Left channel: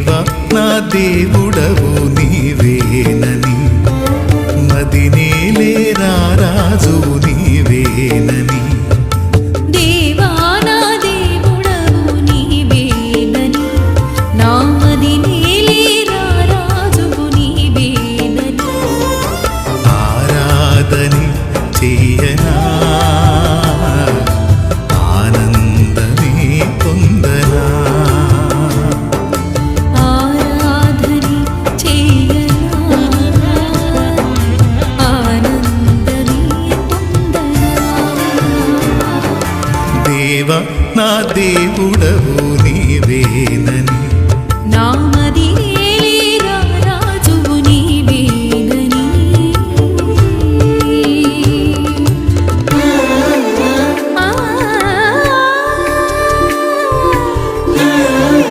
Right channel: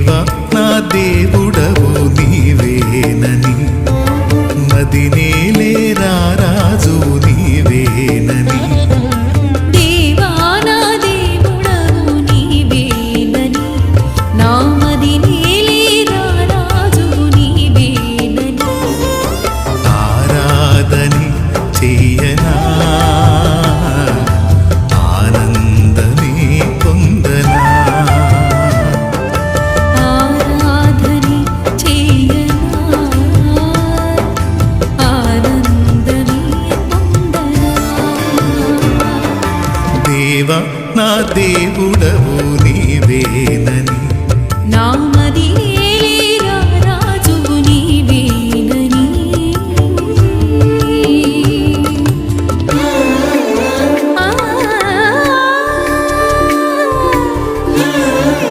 దేవా నా దేవుడవు నీవేనని, మదినేలేరా రాజు నీవేనని. దేవా నా దేవుడవు నీవేనని, నా మదినేలేరా రాజు నీవేనని. ఆరాధని చెయ్యనా, ఆనందమే పొందనా. ఆరాధని చెయ్యనా, ఆనందమే పొందనా. దేవా నా దేవుడవు నీవేనని, నా మదినే